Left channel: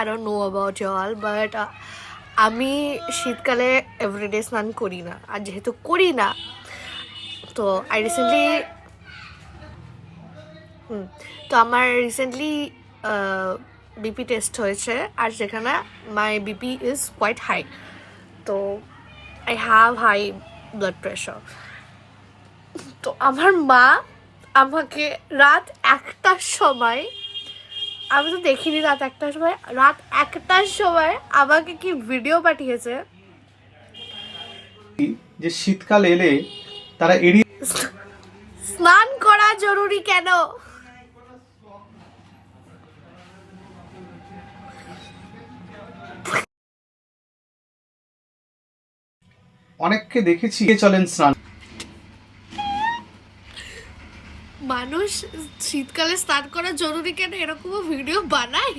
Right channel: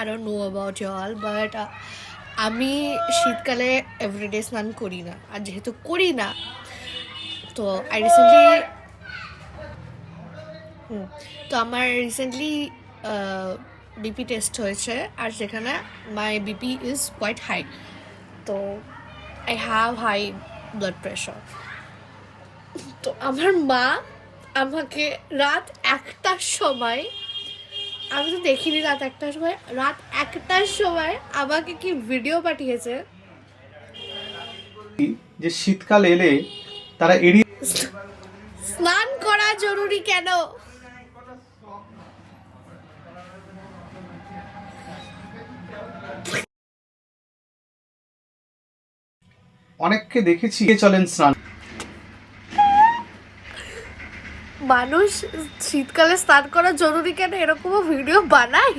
I don't know about y'all, but আমি শীতকালে everyday স্নান করি না, আর যেহেতু করি না তো আই রিসেন্টলি তো আমার রিসেন্টলি বিপি টেস্ট হয়েছে, আর সেখানে my BP is quite high. তো I have high blood pressure. তো আমার মা আমাকে রাত 1টার সময়, আমি তো দেখিনি রাত 1টার সময়, রাত 1টার সময় আমাকে কি ভিডিও পাঠিয়েছে যে শীতকাল এলে তারা এড়িয়ে স্নান করা জরুরি কেন। অনেককে দেখেছি চলেন স্নান। মানুষ শীতকালে স্নান করা জরুরি কেন এরকম ভিডিও বানায়।